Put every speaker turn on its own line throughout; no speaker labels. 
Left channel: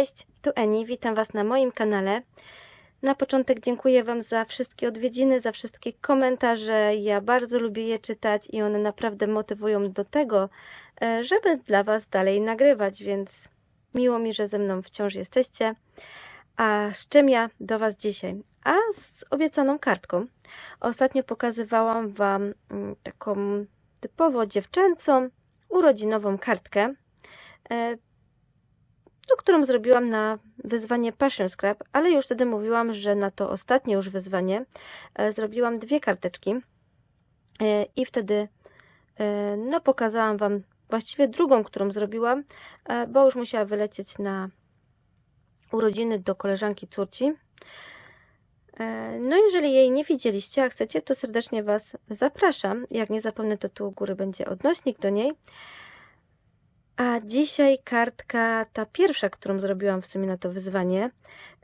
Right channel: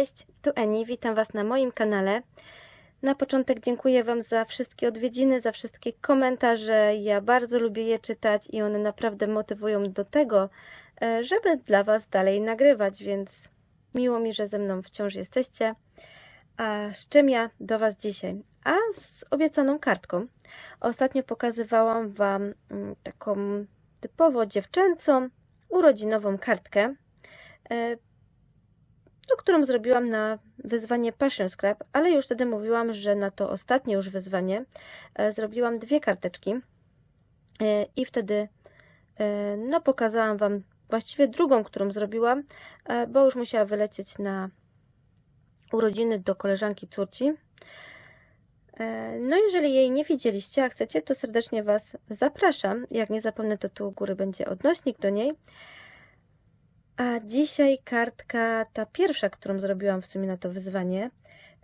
Cześć, tu Eni, witam Was na moim kanale. Na początek dziękuję Wam za wszystkie odwiedziny, za wszystkie komentarze. Ja bardzo lubię je czytać i one naprawdę motywują do tego, e, żeby dla Was dalej nagrywać, więc miło mi, że ze mną wciąż jesteście. A z czym ja do Was dzisiaj? A z obiecaną kartką. Ostatnio pokazywałam Wam mm, taką typowo dziewczęcą, urodzinową kartkę. To, którą zrobiłam na wyzwanie Passion Scrap, ale już wtedy mówiłam, że na to ostatnie już wyzwanie e, zrobiłam dwie karteczki e, i wtedy e, no pokazałam Wam właściwie drugą, którą zrobiłam, bo już musiała wylecieć na urodziny do koleżanki córci. No, jeżeli jej nie widzieliście, a chcecie, to serdecznie Was zapraszam. Jak nie zapomnę, to tu u góry będzie odnośnik do niej. A dzisiaj kartka, ta pierwsza, którą zrobiłam w sumie na to wyzwanie,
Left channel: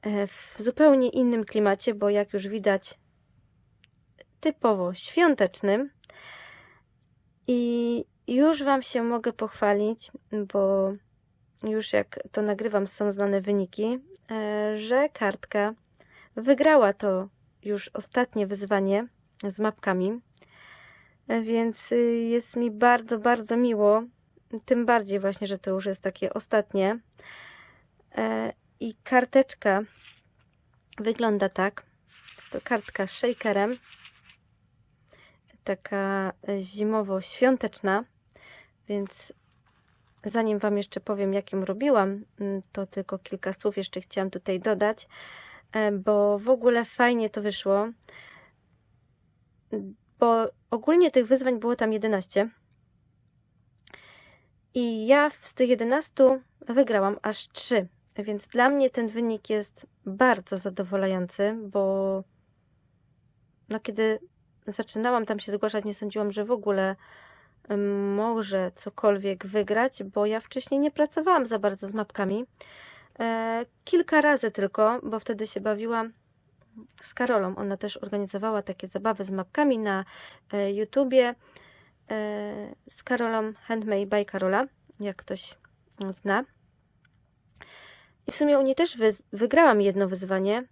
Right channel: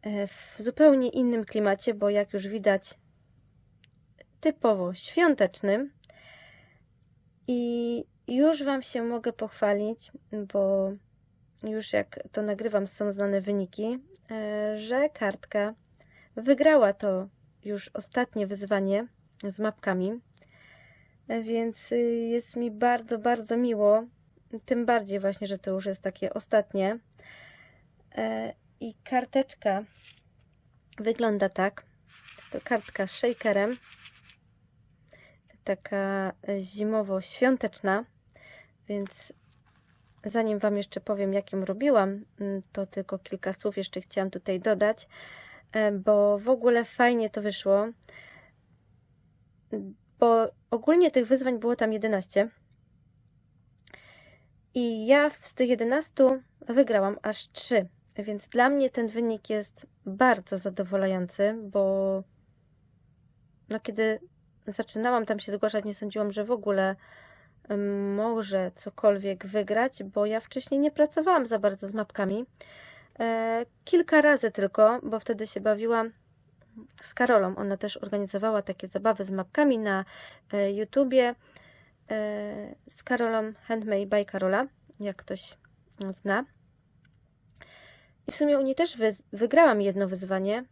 e, w zupełnie innym klimacie, bo jak już widać, typowo świątecznym. I już Wam się mogę pochwalić, bo już jak to nagrywam, są znane wyniki, e, że kartka wygrała to już ostatnie wyzwanie z mapkami. E, Więc y, jest mi bardzo, bardzo miło, tym bardziej właśnie, że to już jest takie ostatnie. E, I karteczka wygląda tak. Jest to kartka z shakerem. Taka zimowo-świąteczna. Więc zanim Wam jeszcze powiem, jak ją robiłam, mm, to tylko kilka słów jeszcze chciałam tutaj dodać, e, bo w ogóle fajnie to wyszło. Bo ogólnie tych wyzwań było tam 11. I ja z tych 11 wygrałam aż 3. Więc dla mnie ten wynik jest bardzo zadowalający, bo no kiedy zaczynałam tam się zgłaszać, nie sądziłam, że w ogóle może cokolwiek wygrać, bo ja wcześniej nie pracowałam za bardzo z mapkami. E, kilka razy tylko, bo wtedy się bawiłam z Karolą. Ona też organizowała takie zabawy z mapkami na e, YouTubie z Karolą Handmade by Karola, jak ktoś zna. I w sumie u niej też wy, wygrałam jedno wyzwanie,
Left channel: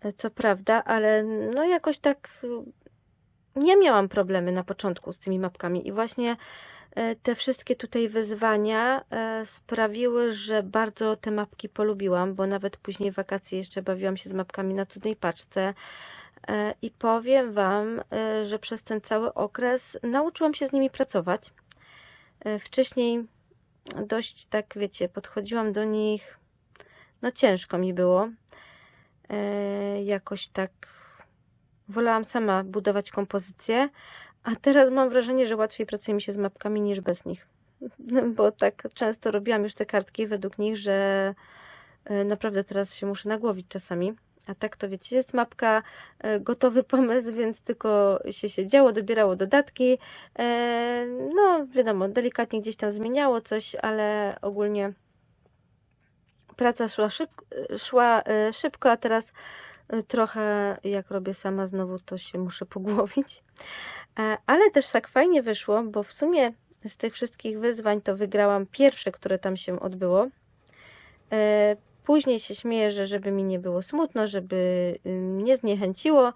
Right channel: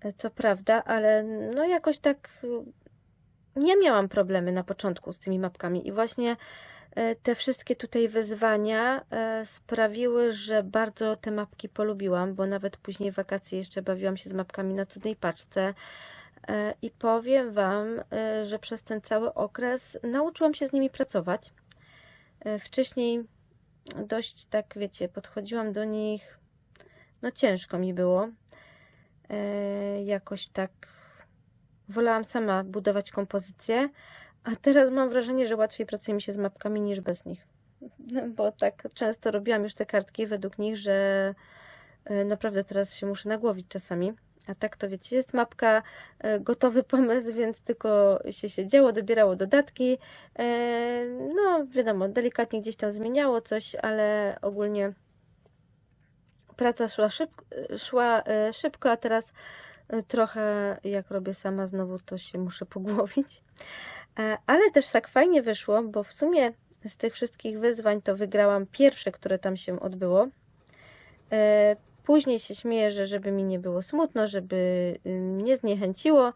e, co prawda, ale no jakoś tak e, nie miałam problemy na początku z tymi mapkami i właśnie e, te wszystkie tutaj wyzwania e, sprawiły, że bardzo te mapki polubiłam, bo nawet później w wakacje jeszcze bawiłam się z mapkami na cudnej paczce. E, I powiem Wam, e, że przez ten cały okres nauczyłam się z nimi pracować. E, Wcześniej dość tak, wiecie, podchodziłam do nich, no ciężko mi było. Jakoś tak wolałam sama budować kompozycję, a teraz mam wrażenie, że łatwiej pracuje mi się z mapkami niż bez nich. Bo tak często robiłam już te kartki według nich, że naprawdę teraz się muszę nagłowić czasami. A tak to wiecie, jest mapka, e, gotowy pomysł, więc tylko się siedziało, dobierało dodatki. E, No, wiadomo, delikatnie gdzieś tam zmieniało coś, ale ogólnie praca szła, szyb, szła e, szybko, a teraz trochę jak robię sama znowu, to się muszę pogłowić. Ale też tak fajnie wyszło, bo w sumie z tych wszystkich wyzwań to wygrałam pierwsze, które tam się odbyło. Później się śmieję, że żeby mi nie było smutno, żeby y, mnie zniechęciło,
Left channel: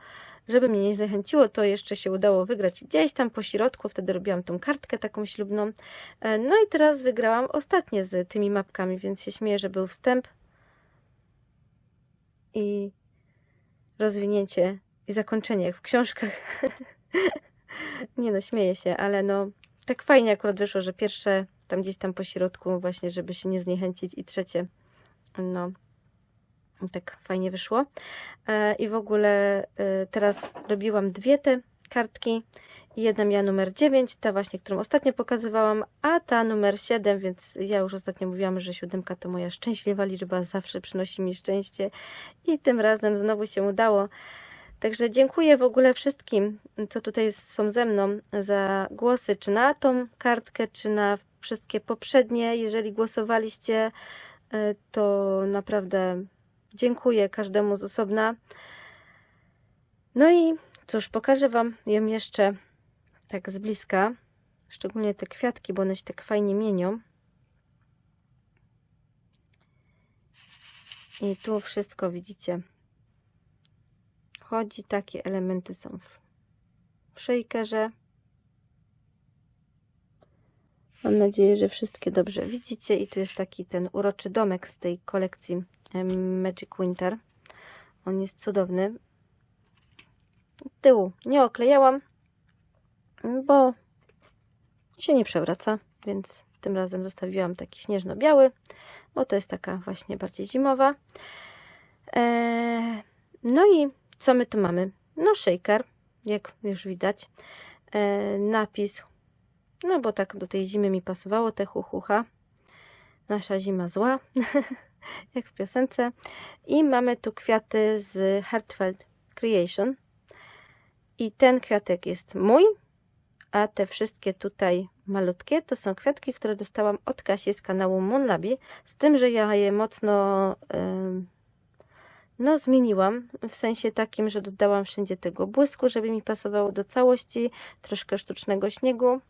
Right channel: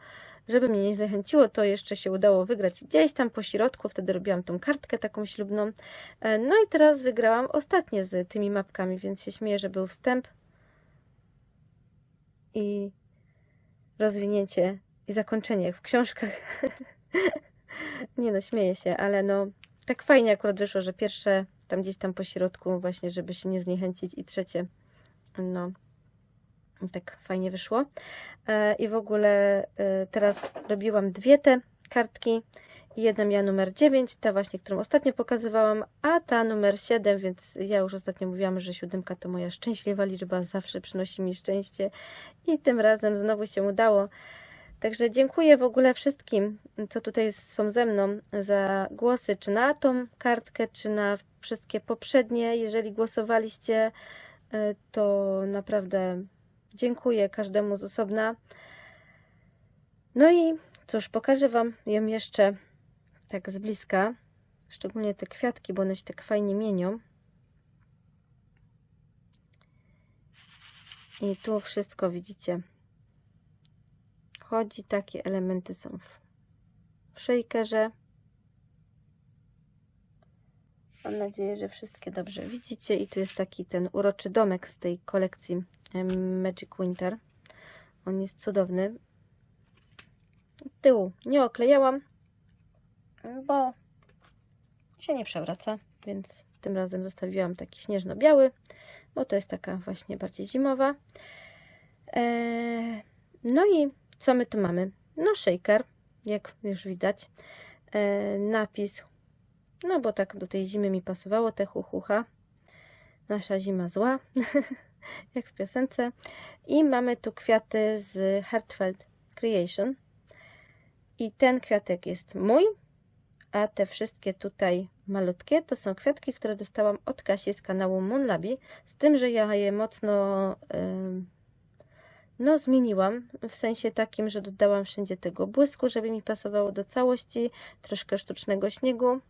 żeby mnie nie zniechęciło, to jeszcze się udało wygrać gdzieś tam po środku. Wtedy robiłam tą kartkę taką ślubną. E, No i teraz wygrałam ostatnie z tymi mapkami, więc się śmieję, że był wstęp i rozwinięcie i zakończenie jak w książkach. nie no, śmieję się, ale no tak fajnie akurat wyszło, że pierwsze tam gdzieś tam po środku właśnie, żeby się nie zniechęcić i trzecie no, tak fajnie wyszło. E, I w ogóle e, teraz robiłam dwie te kartki. Jedna miała numer 9, ta właśnie, którą ostatnio pokazywałam, a ta numer 7, więc ja już ostatnio mówiłam, że siódemka to moja szczęśliwa liczba, zawsze przynosi mi szczęście i tym razem znowu się udało. Także dziękuję w ogóle wszystkim, co tutaj są ze mną za głosy, czy na tą kartkę, czy na wszystkie poprzednie. Jeżeli głosowaliście, to naprawdę dziękuję każdemu z osobna. No i cóż, pokażę Wam ją jeszcze tak z bliska. Szczególnie te kwiatki, bo one się tak fajnie mienią. I tu wszystko widzicie. Chodzi, takie elementy są w, w shakerze. Mam nadzieję, że wszystkie dobrze widzicie. I tu jest taki ten uroczy domek z tej kolekcji Magic Winter. On jest cudowny. Tyłu nie oklejałam, bo się nie przewraca, więc tym razem zostawiłam taki śnieżno-biały, bo to jest taka właśnie bardziej zimowa. Eee, no i co my tu mamy? No shaker, jak już widać. Eee, napis, no bo tak do tej zimy mi pasowało, te huchucha. Nasza zima zła, jak w piosence. I mamy tu kwiaty z Heartfelt Creation. I ten kwiatek jest mój, a te wszystkie tutaj malutkie to są kwiatki, które dostałam od Kasi z kanału Monlabi, z tym, że ja je mocno no zmieniłam, w sensie takim, że dodałam wszędzie tego błysku, żeby mi pasowało do całości, troszkę sztucznego śniegu,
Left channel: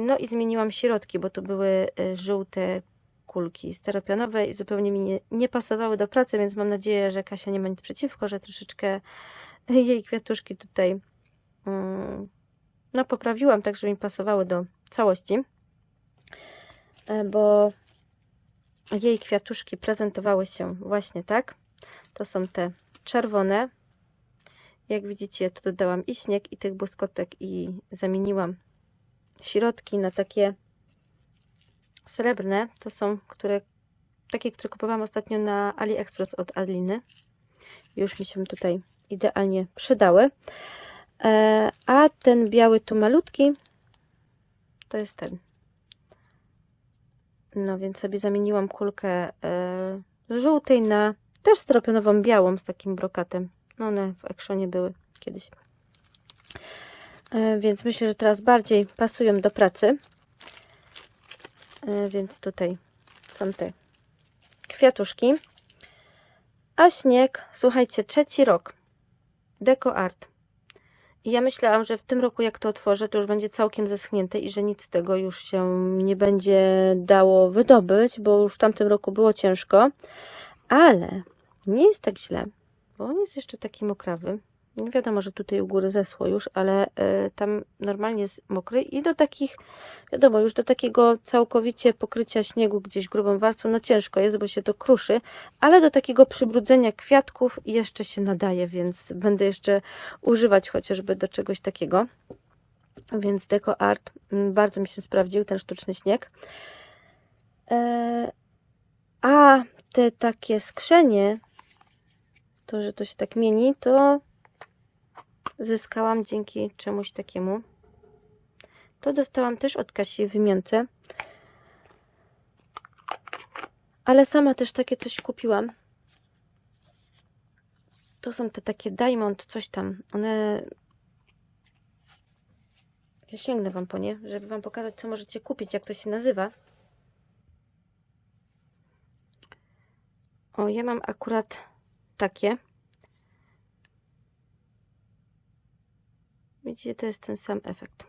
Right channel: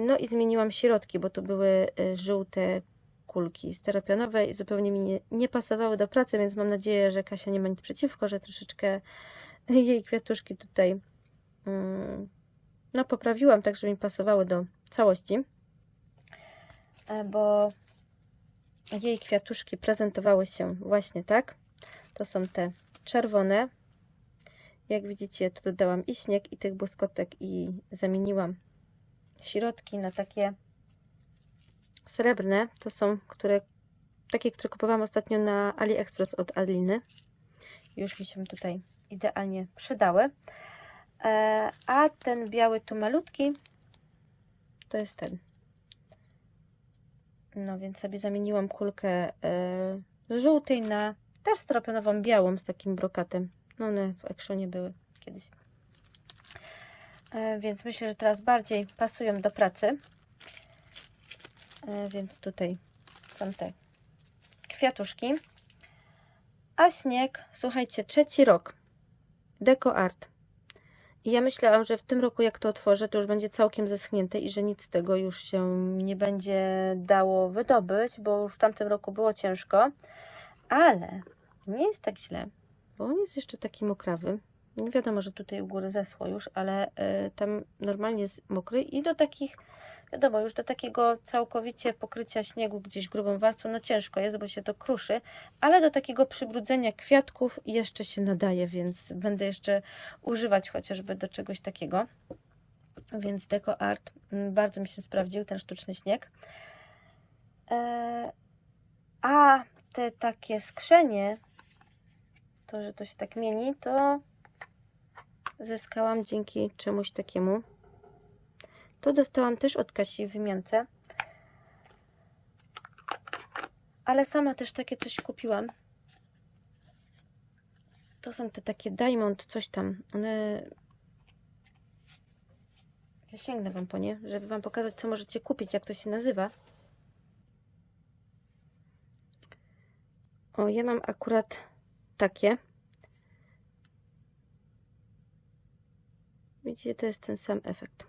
no i zmieniłam środki, bo tu były e, żółte kulki steropianowe i zupełnie mi nie, nie pasowały do pracy, więc mam nadzieję, że Kasia nie ma nic przeciwko, że troszeczkę jej kwiatuszki tutaj mm, no poprawiłam tak, żeby mi pasowały do całości, E, bo jej kwiatuszki prezentowały się właśnie tak. To są te czerwone. Jak widzicie, tu dodałam i śnieg, i tych błyskotek i zamieniłam środki na takie srebrne. To są które, takie, które kupowałam ostatnio na AliExpress od Adliny. Już mi się tutaj idealnie przydały. E, a ten biały tu malutki to jest ten. No więc sobie zamieniłam kulkę e, żółtej na też styropianową białą z takim brokatem. No one w Actionie były kiedyś. E, więc myślę, że teraz bardziej pasują do pracy. E, więc tutaj są te kwiatuszki. A śnieg, słuchajcie, trzeci rok. Deco Art. I ja myślałam, że w tym roku jak to otworzę, to już będzie całkiem zeschnięte i że nic z tego już się nie będzie dało wydobyć, bo już w tamtym roku było ciężko. Ale nie jest tak źle, bo on jest jeszcze taki mokrawy. Nie wiadomo, że tutaj u góry zeschło już, ale y, tam normalnie jest mokry i do takich, wiadomo, już do takiego całkowicie pokrycia śniegu gdzieś grubą warstwą, no ciężko jest, bo się to kruszy, ale do takiego przybrudzenia kwiatków jeszcze się nadaje, więc będę jeszcze używać chociażby do czegoś takiego. Więc Deco Art mm, bardzo mi się sprawdził, ten sztuczny śnieg. E, a te takie skrzenie, to, że to się tak mieni, to zyskałam dzięki czemuś takiemu. To dostałam też od Kasi w wymiance. Ale sama też takie coś kupiłam. To są te takie Diamond, coś tam. One... Ja sięgnę Wam po nie, żeby Wam pokazać, co możecie kupić, jak to się nazywa. O, ja mam akurat takie. Widzicie, to jest ten sam efekt.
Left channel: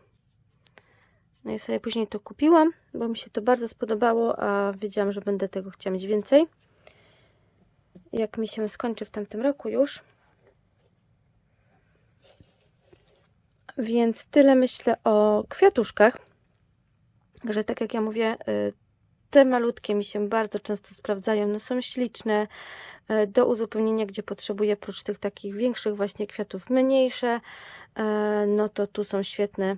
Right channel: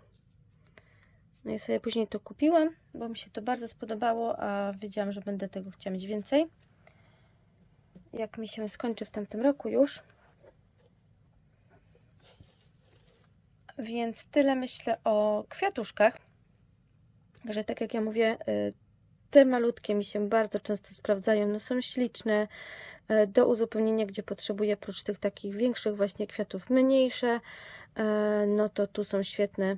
No i sobie później to kupiłam, bo mi się to bardzo spodobało, a wiedziałam, że będę tego chciała mieć więcej. Jak mi się skończy w tamtym roku już. Więc tyle myślę o kwiatuszkach. Że tak jak ja mówię, y, te malutkie mi się bardzo często sprawdzają. No są śliczne y, do uzupełnienia, gdzie potrzebuję oprócz tych takich większych właśnie kwiatów mniejsze. Y, No to tu są świetne.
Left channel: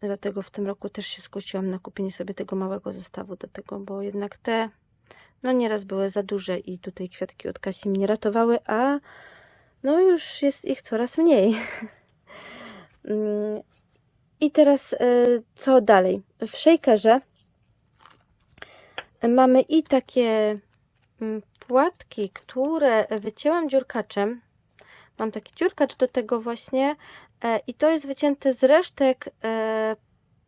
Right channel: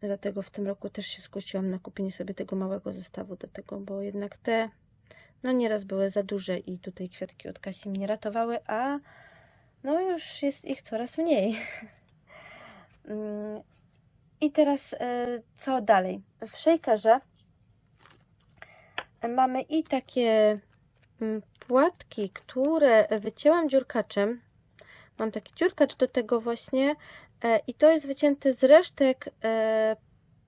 Dlatego w tym roku też się skusiłam na kupienie sobie tego małego zestawu do tego, bo jednak te no nieraz były za duże i tutaj kwiatki od Kasi mnie ratowały, a no już jest ich coraz mniej. Mm, I teraz y, co dalej? W shakerze mamy i takie mm, płatki, które wycięłam dziurkaczem. Mam taki dziurkacz do tego właśnie e, i to jest wycięte z resztek e,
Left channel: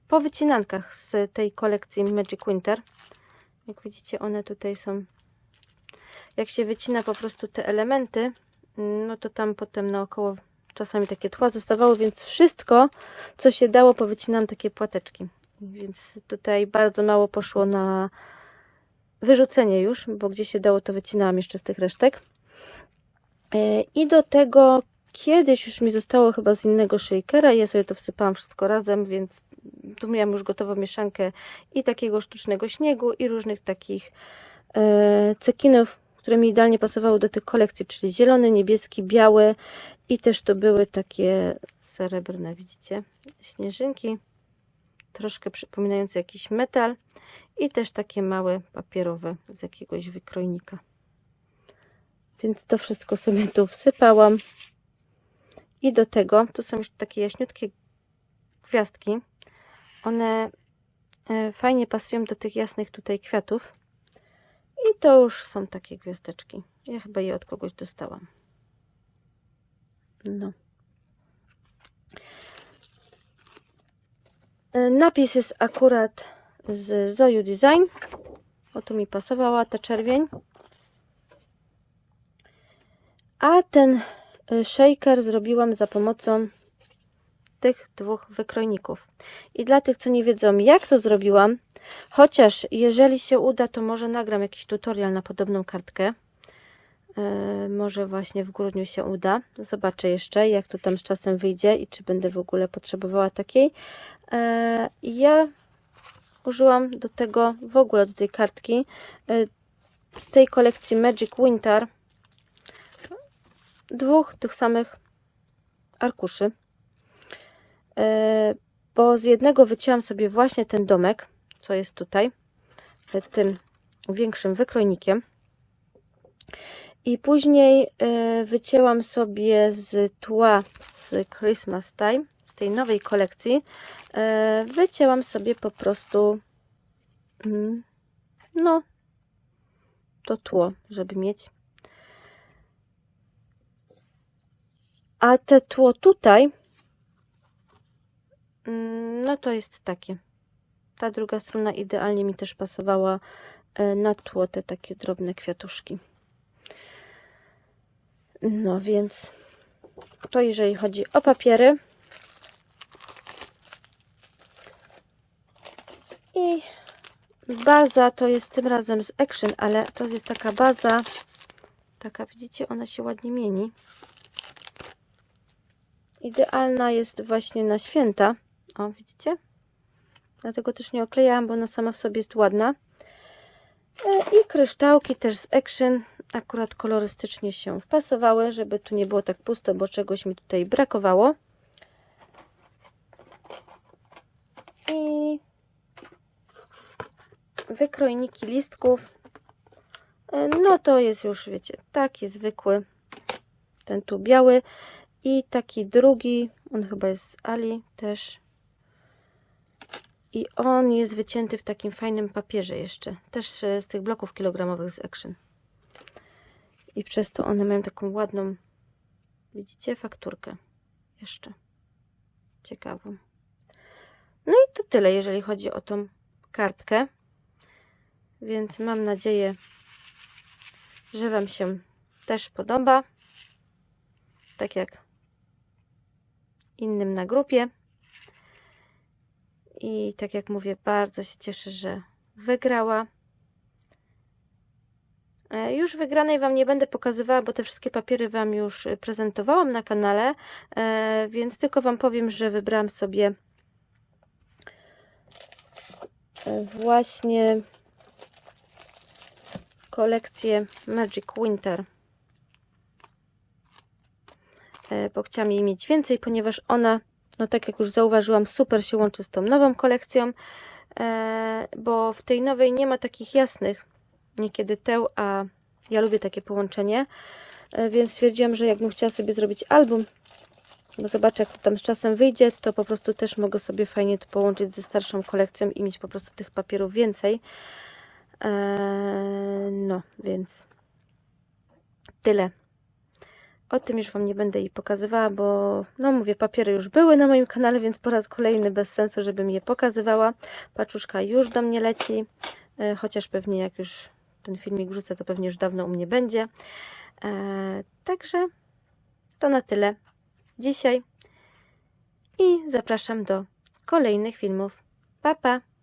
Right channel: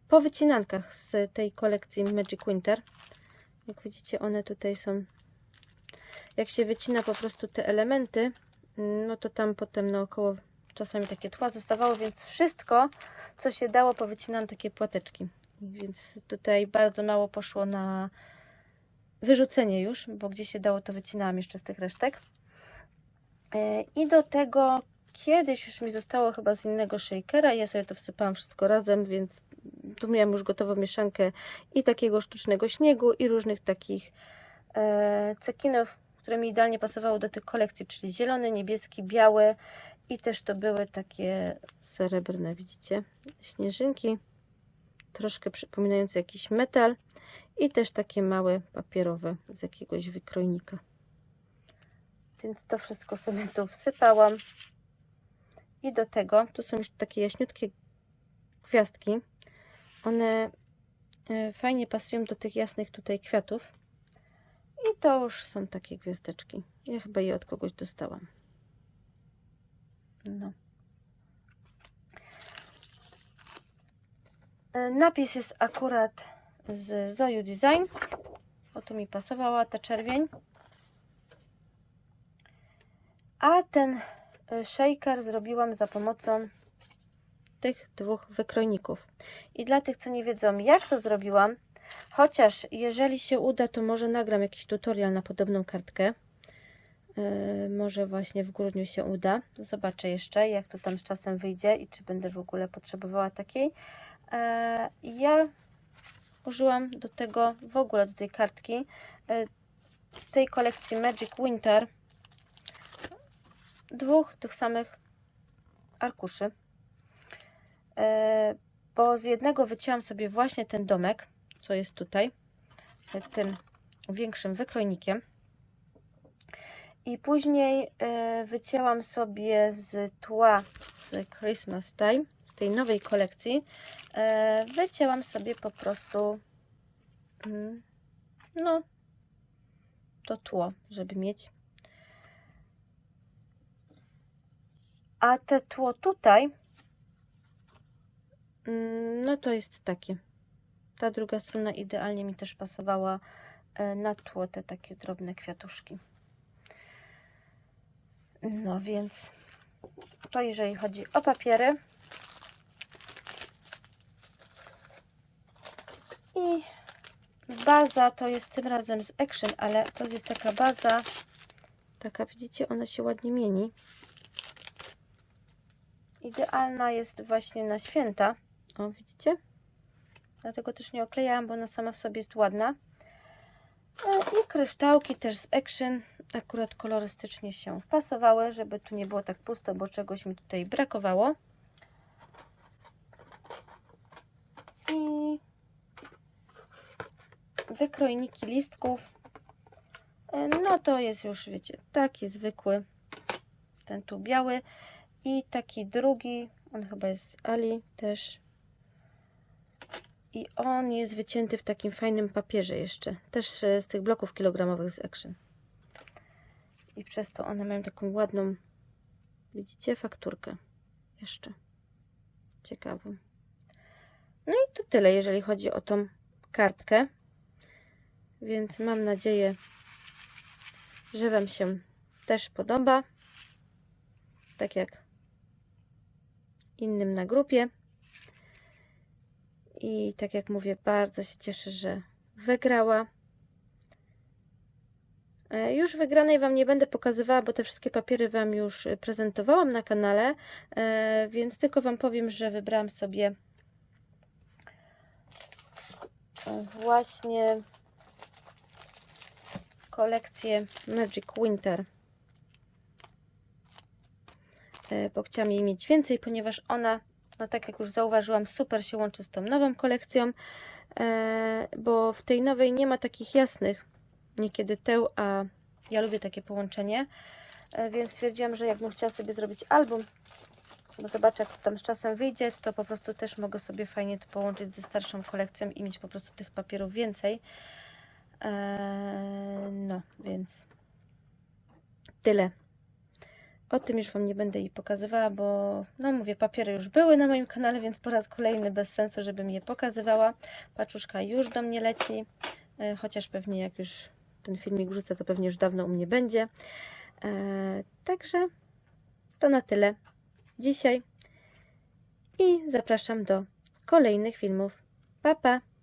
po wycinankach z tej kolekcji Magic Winter. Jak widzicie, one tutaj są. Jak się wycina po prostu te elementy, no to tam potem naokoło czasami takie tło zostawało, więc wszystko, co się dało, powycinam takie płateczki. Więc tutaj bardzo mało poszło na wyrzucenie już, bo gdzie się dało, to wycinałam jeszcze z tych resztek. E, I do tego kiedyś już mi zostało chyba z innego shakera i ja sobie to wsypałam wszystko razem, więc tu miałam już gotową mieszankę i takiego sztucznego śniegu i różnych takich e, cekinów, które mi idealnie pasowały do tych kolekcji, czyli zielony, niebieski, biały i też to były takie srebrne, widzicie, śnieżynki, troszkę przypominające jakiś metal i też takie małe papierowe z jakiegoś wykrojnika. Więc to wszystko sobie tu wsypałam. I do tego, tu są już takie jaśniutkie gwiazdki. One e, fajnie pasują do tych jasnych tutaj kwiatów. I to już są takie gwiazdeczki. Ja chyba je od kogoś dostałam. No. E, Napis jest akurat z Zoju Design. O tu mi pasowała ta czerwień. A ten y, shaker zrobiłam za pomocą tych dwóch wykrojników. I dla tych, co nie wiedzą, jak to zrobiłam, chociaż jeżeli się uda, to może nagram jakiś tutorial na podobną kartkę. E, może właśnie w grudniu się uda. Zobaczę jeszcze, jak to tam z czasem wyjdzie i czy będę w ogóle potrzebowała takiej. E, ja użyłam do tego, w ogóle do tej kartki, e, z tej kolekcji Magic Winter dwóch tych samych arkuszy, e, bo z jednego wycięłam sobie właśnie ten domek, co jest tutaj, e, tym większym wykrojnikiem. I później e, wycięłam sobie z tła z Christmas Time, z tej nowej kolekcji, wycięłam sobie po prostu mm, no to tło, żeby mieć A te tło tutaj, mm, no to jest takie. Ta druga strona idealnie mi też pasowała e, na tło te takie drobne kwiatuszki. No więc to jeżeli chodzi o papiery. I baza to jest tym razem z Action, ale to jest taka baza, taka widzicie, ona się ładnie mieni. Idealna jest właśnie na święta. O, widzicie? Dlatego też nie oklejałam, bo ona sama w sobie jest ładna. E, I kryształki też z Action akurat kolorystycznie się wpasowały, żeby tu nie było tak pusto, bo czegoś mi tutaj brakowało. I wykrojniki listków. E, no to jest już, wiecie, taki zwykły, ten tu biały. I taki drugi, on chyba jest z Ali też. I on jest wycięty w takim fajnym papierze jeszcze. Też e, z tych bloków kilogramowych z Action. I przez to one mają taką ładną, widzicie, fakturkę. Jeszcze. Ciekawą. No i to tyle, jeżeli chodzi o tą kartkę. Więc mam nadzieję, że Wam się też podoba. Tak jak innym na grupie. I tak jak mówię, bardzo się cieszę, że wygrała. E, już wygranej Wam nie będę pokazywała, bo te wszystkie papiery Wam już prezentowałam na kanale, e, więc tylko Wam powiem, że wybrałam sobie e, właśnie kolekcję Magic Winter E, bo chciałam jej mieć więcej, ponieważ ona, no tak jak już zauważyłam, super się łączy z tą nową kolekcją, e, bo w tej nowej nie ma takich jasnych niekiedy teł, a ja lubię takie połączenie, e, więc stwierdziłam, że jakbym chciała sobie zrobić album, bo zobaczę jak to tam z czasem wyjdzie, to po prostu też mogę sobie fajnie to połączyć ze starszą kolekcją i mieć po prostu tych papierów więcej. No, więc tyle. O tym już Wam nie będę jej pokazywała, bo no mówię, papiery już były na moim kanale, więc po raz kolejny bez sensu, żebym je pokazywała. Paczuszka już do mnie leci, e, chociaż pewnie jak już ten filmik wrzucę, to pewnie już dawno u mnie będzie. E, także to na tyle dzisiaj i zapraszam do kolejnych filmów. Pa, pa!